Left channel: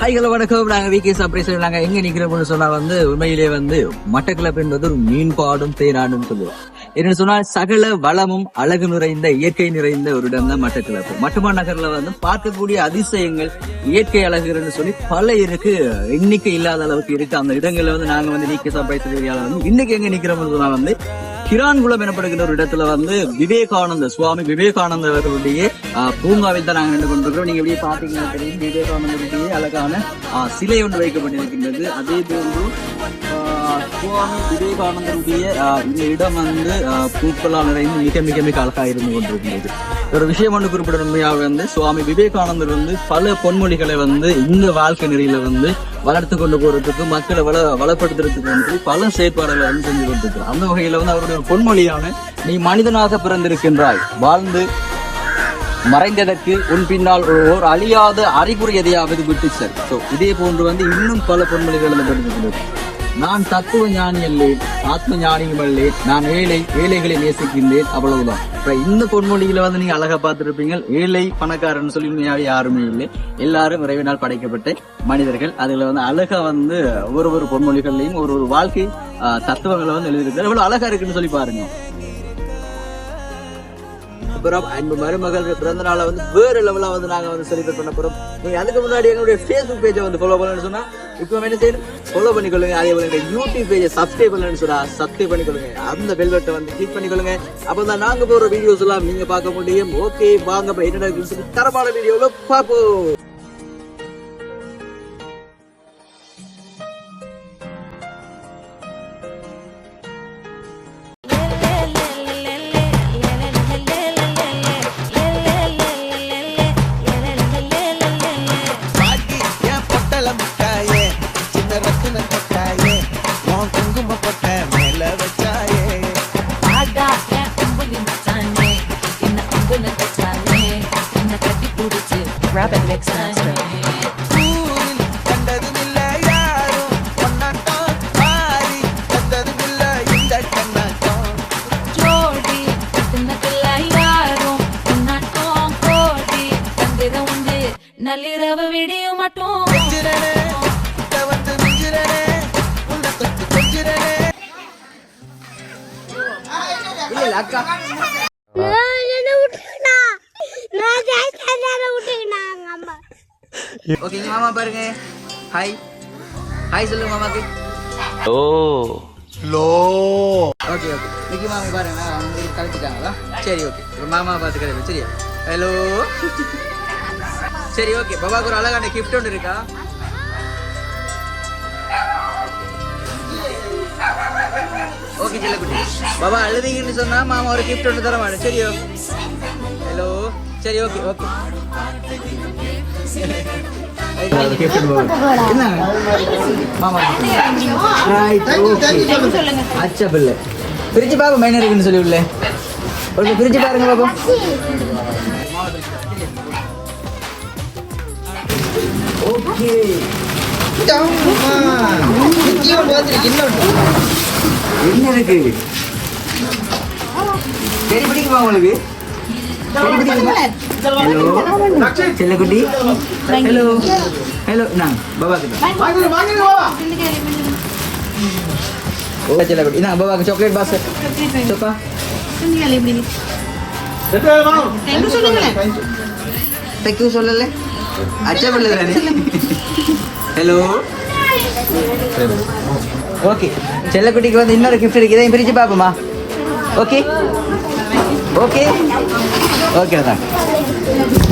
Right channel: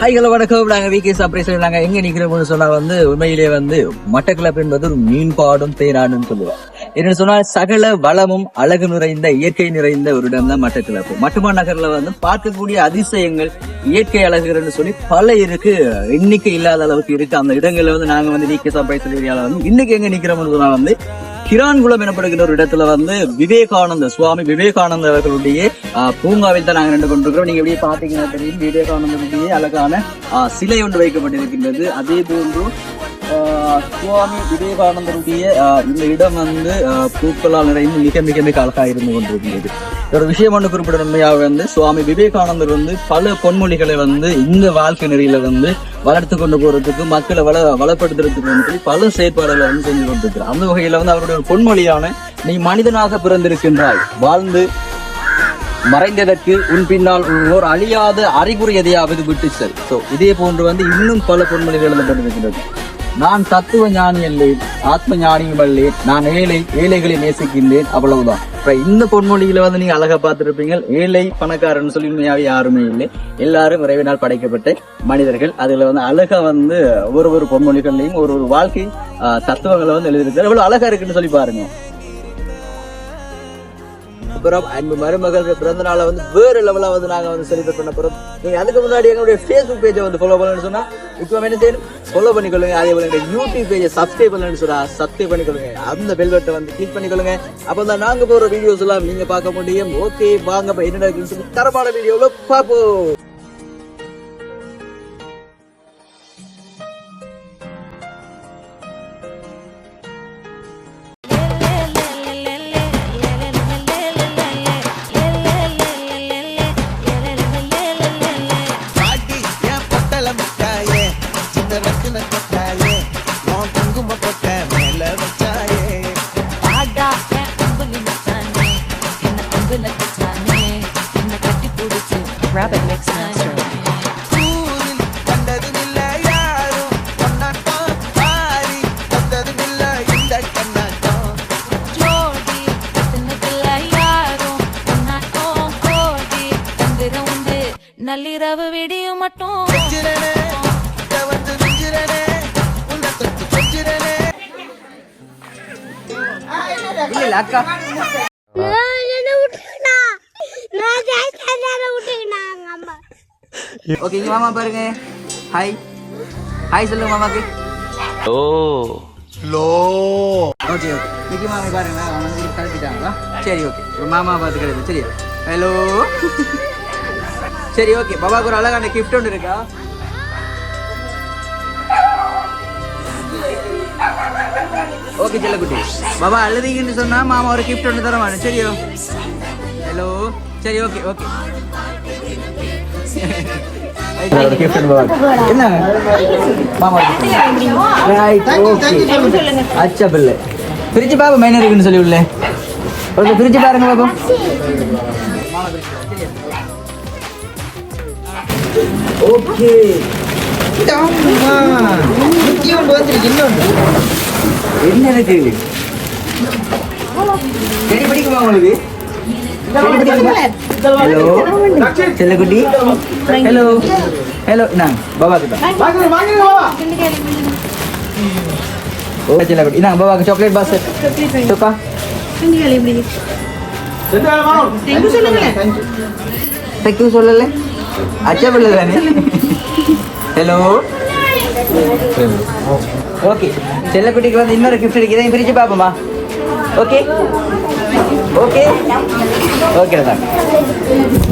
ஹைகள வணக்கம். நாங்க V K surprise நாங்க எங்க நிக்கிறோம்னு சொன்னா வந்து உண்மையிலே வந்து மட்டக்களப்பு என்பது ஒரு மீன்பாடும் தேனாடுன்னு சொல்லுவோம். என்னன்னு சொன்னா சகல வளமும் அழகு நிறைந்த இயற்கை நிறைந்த ஒரு இடம் தான் மட்டக்களப்பு. மட்டுமா நகர்ல வந்து பார்க்கக்கூடிய அதிசயங்கள் இயற்கை அழகுகள்னு சொல்லி பல இருக்கு. எண்ணிக்கை இல்லாத அளவுக்கு இருக்கு. அந்த இடங்கள்ல வந்து நாங்க வந்து வி சாப்பிட ஏரியால வந்து இன்னைக்கு எங்க நிக்கிறோம்னு சொன்னா வந்து கிரான்குளம் எனப்படுகின்ற ஒரு இடத்துல வந்து விவேகானந்த சுவாமி விவேகானந்த அவர்களுடைய பூங்காவில் தான் நாங்க நின்று கொண்டிருக்கிறோம். நீங்க இப்படியே பாத்தீங்கன்னா தெரியும் விவேகானந்தருடைய அழகான சிலை ஒன்று வைக்கப்பட்டிருக்கின்றது. அதே போன்று ஆஹ், சுவாமி விவேகானந்தருடைய இந்த இடம் வந்து ஆஹ், பூக்களால் நிறைந்து மிக மிக மிக அழகாக இருந்து கொண்டிருக்கின்றது. ஒரு விஷயம் ஒன்று குறிப்பிடணுமையாக வந்து சுவாமி விவேகானந்தர் வந்து பல பொன்மொழிகளை வந்து இந்த வாழ்க்கை நெறியில வந்து வளர்த்து கொண்டு போறதுக்கு மக்களை வள வளப்படுத்துறதுக்கு வந்து பல செயற்பாடுகளை வந்து செஞ்சு கொண்டிருக்கிறார் அந்த வகையில வந்து அவருடைய ஒரு பொன்மொழியான நீ மனிதனாக பிறந்திருக்கின்றாய் வாழ்ந்து மறைந்ததற்கு உன் பின்னால் ஓர் அழியாத அறிகுறி எதையாவது விட்டு செல். ஸோ இதே போன்று வந்து இன்னும் பல பொன்மொழிகள் எழுதப்பட்டிருக்கிறது நான் தத்துவ ஞானி அல்லேன் ஆத்ம ஞானியும் அல்லேன் நான் ஏழை ஏழைகளை நேசிக்கின்றேன் அவ்வளவுதான். இப்ப இந்த பொன்மொழிகளை வந்து நீங்க அழகா பார்த்துருப்பீங்க ஏழை பணக்காரன் சொல்லி உண்மையாவே யாருமே இல்லை. எல்லாரும் இறைவனால் படைக்கப்பட்ட மனிதர்கள். அதுல வந்து அழகா வந்து ஒரு ஒரு பொன்மொழிகள்லையும் ஒரு ஒரு வாழ்க்கை தத்துவங்களை வந்து எழுதியிருக்காரு எவ்வளவு அழகா இருக்குன்னு சொல்லி பாருங்க. அப்புறம் அன்பு மருமகள் பிறந்த நாளை வந்து வேற லெவலாக வந்து நாங்கள் வந்து செலிப்ரேட் பண்ண போகிறோம் நீங்கள் அதுக்கு முன்னாடி எங்களுடைய ஃபேஸ்புக் பேஜை வந்து ஃபாலோ பண்ணணும்னு சொன்னால் இப்போ என்ன செய்யணும்? ஃபாலோ பண்ணிக்கொள்ளுங்க. அதே போல எங்கள் யூடியூப் பேஜை சப்ஸ்கிரைப் பண்ணணும்னு சொன்னால் சப்ஸ்கிரைப் பண்ணிக்கொள்ளுங்க. அந்த பெல்வெட்டை வந்து கிளிக் பண்ணிக்கொள்ளுங்க. அப்பதான் நாங்கள் போகிற வீடியோஸ் எல்லாம் நீங்கள் பார்க்க முடியும். ஓகே வாங்க அப்ப என்ன நடக்குதுன்னு சொல்லி தரமான வீடியோவில் பார்ப்போம். உன் குங்கும கொட்ட மேல வச்சாயே. பாடா என் அம்புலி மச்சானே என்ன அம்புல கச்சானே என்ன கட்டி புடிச்சு Rabbit Mix Master. ஊரில் கண்டதும் இல்ல யாரும் கொண்டாட்டம் பாரி தந்ததும் இல்ல இந்த கண்ணாட்டம். ஜோடி கட்டுனதில்ல யாரும் உன்னாட்டம் கோடி தந்திர உண்டு. நள்ளிரவு விடியும் மட்டும். மிஞ்சிரனே தொட்டு கொஞ்சிரனே ஓகே மாமா பாருங்க. ஹாய் ஹாய் சொல்லுங்க மாமாக்கு ஓ. லோ. ஓகே மிக்கி மாமா பாருங்க. வந்து. சரி ஓகே ஒரு மாமா பார்த்துக்கிறது சரி. ஹலோ சரி ஓகே பாபாக்கு ஒரு அழகான கிஃப்ட் ஒன்று இருக்கா? ஓகே செல்லக்குட்டி மாமா அழுதிங்கன்னு சொன்னா மாமா ஒரு கிஃப்ட் ஒன்று தரவானு சரி ஹலோ சரி ஓகே ஓகே. என்ன? மாமா ரைட் ஓகே அச்சா பிள்ளை. பிரிச்சு பாப்போம் என்ன இருக்குன்னு சொல்லி உள்ள. ஓகே பிரிச்சு பாருங்க பாப்போம். ஓகே என்ன இருக்கு சரி படிக்குமா உங்களுக்கு ஹலோ செல்லக்குட்டி ஹலோ ஹலோ நான் பாபா கிட்ட ஓ செல்லக்குட்டி நான் பாபாக்கு சாக்லேட் பாஸ் சோப்பா தேங்க்யூ சொல்லல அச்சா பிள்ளை தானே ஹலோ ஓகே செல்லக்குட்டிக்கு வந்து இன்னொரு கிஃப்ட் இருக்கு. இதையும் பிரிச்சு பார்ப்போமா? ஓகே ஓகே ஓகே தான்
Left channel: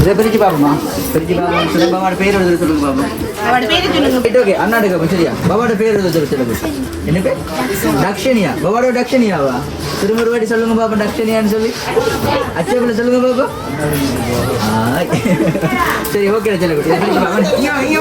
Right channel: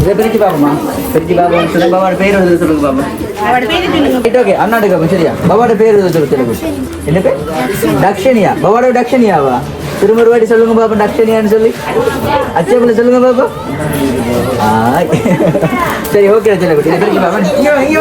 இதை பிரிச்சு பார்ப்போமா? பிரிச்சு பார்ப்போம். சொல்லுங்க பாபாவோட பேர் எழுத சொல்லுங்க பாப்போம் ஓகே அண்ணாடுக்கு அப்போ சரியா? பாபாவோட பேர் எழுத சொல்லுங்க சொல்லுங்க என்ன பேர்? தக்ஷனியா பாபாவோட தக்ஷனியாவா திரும்ப ஒரு வாட்டி சொல்லுங்க பாப்பா தக்ஷனியான்னு சொல்லி. அச்சேபில் சொல்லுங்க பாப்பா ஆ, சரி ஓகே செல்லக்குட்டி. இதை பிரிச்சு பாப்பா இங்கே வாங்க இங்கே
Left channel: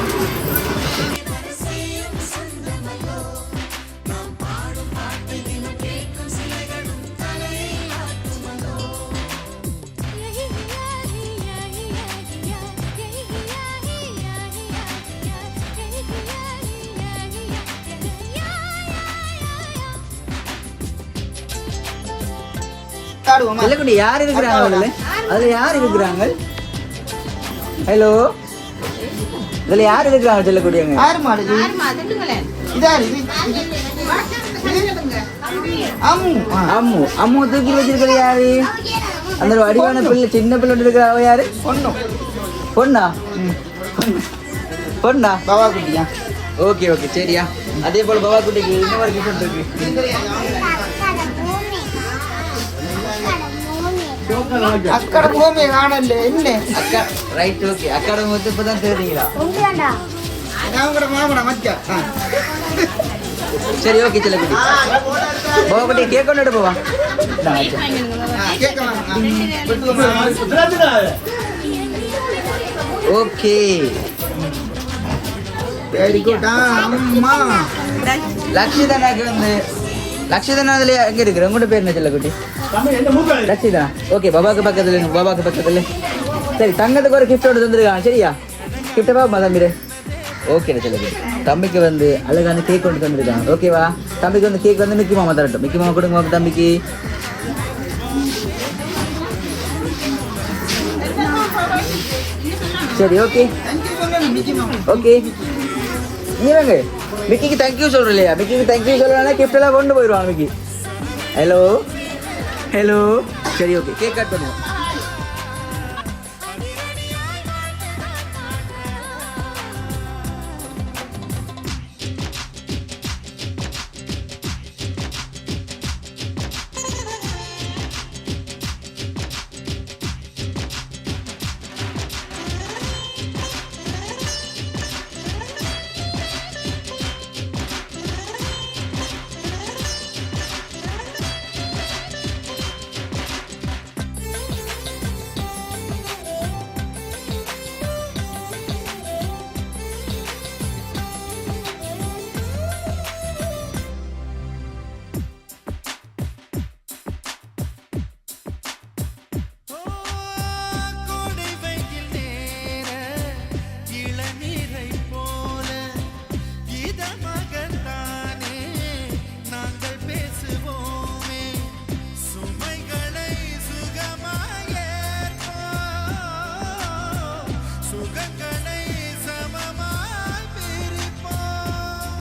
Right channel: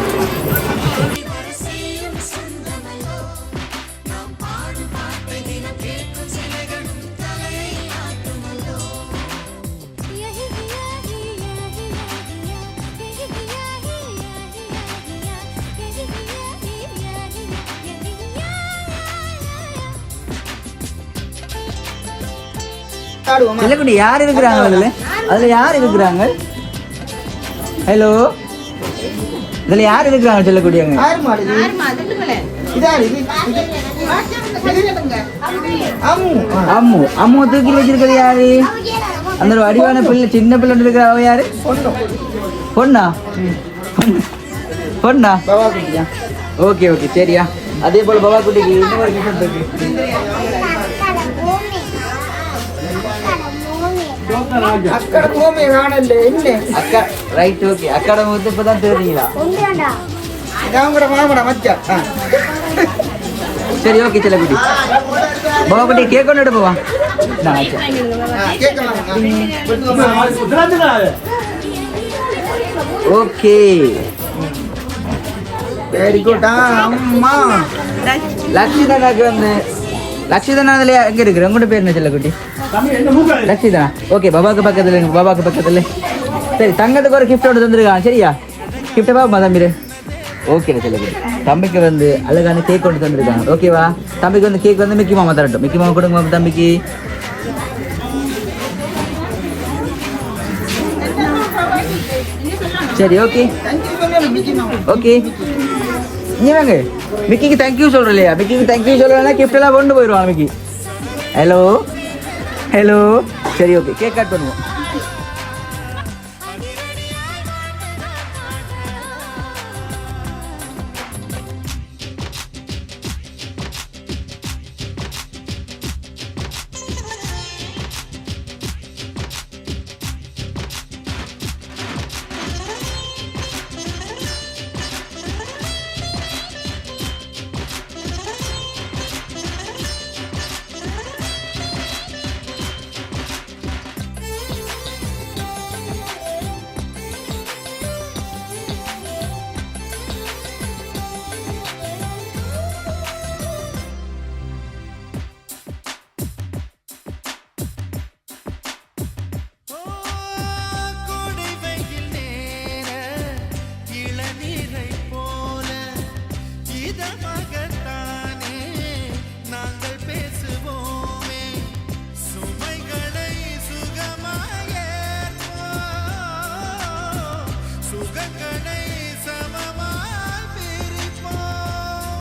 செல்லக்குட்டி யார் இருக்கிறாங்க அதுல? அதுல யார் இருக்கிறாங்க? ஹலோ இதுல யார் இருக்கிறாங்க செல்லக்குட்டி அங்க? ஆறு மாடு இது? இது அம்மு. அம்மு. அம்மு. தூக்கி வச்சிருக்கிறது யாரு? அந்த ஒரு அடிவான பிள்ளை சின்ன பிள்ளை இருக்கிற அவ யாரு? பொண்ணும் பொண்ணா? பொண்ணா? பவா குட்டியா ஓகே ஓகே. சரியா. அதே போல பவா குட்டிக்கு இன்னொரு gift இருக்கு. அக்கட பூமி காணல இல்ல. அக்கா. ரைட் ஓகே அக்காட வந்து இப்பதான் தெரியுங்களா நான் கூட மாமடா மச்சா. ஆ. சரி ஓகே செல்லக்குட்டி பவா குட்டி கேக் கொண்டு கேட்கலாம் ஓகே வெரி குட் அம்மா. லட்சுதனாக்கு வந்து லட்சுதனா அதுல எங்க இருக்கு? உங்களோட பேர் என்ன செல்லக்குட்டி லட்சுதனா ஓகே பாபாக்கு பக்கத்துல பாபாக்கு பக்கத்துல. சரி தங்கத்துக்கு ஒரு கிஃப்டோட தந்துருக்கான் சரியா? கிஃப்ட் பா தம்பிரு ஓகே செல்லக்குட்டி தம்பிக்கு வந்து அழகான கேக் கொண்டு தந்துருக்காங்க. ஓகேவா தம்பிக்கு வந்து கேக் வந்து மிக்கி மாமா தரட்டும். மிக்கி மாமா கொடுங்க தம்பிக்கு. சரி ஓகே ஓகே ஏங்க மிக்கிக்கு தேங்க்யூ சொல்றோம் இல்லையா? மிக்கிக்கு தேங்க்யூ சொல்கிறேன்னா கிஃப்ட் எல்லாம் கொண்டு போயிடுவான் மிக்கி ஹலோ ஹலோ சரி ஓகே கேக் கட் பண்ணுவோம்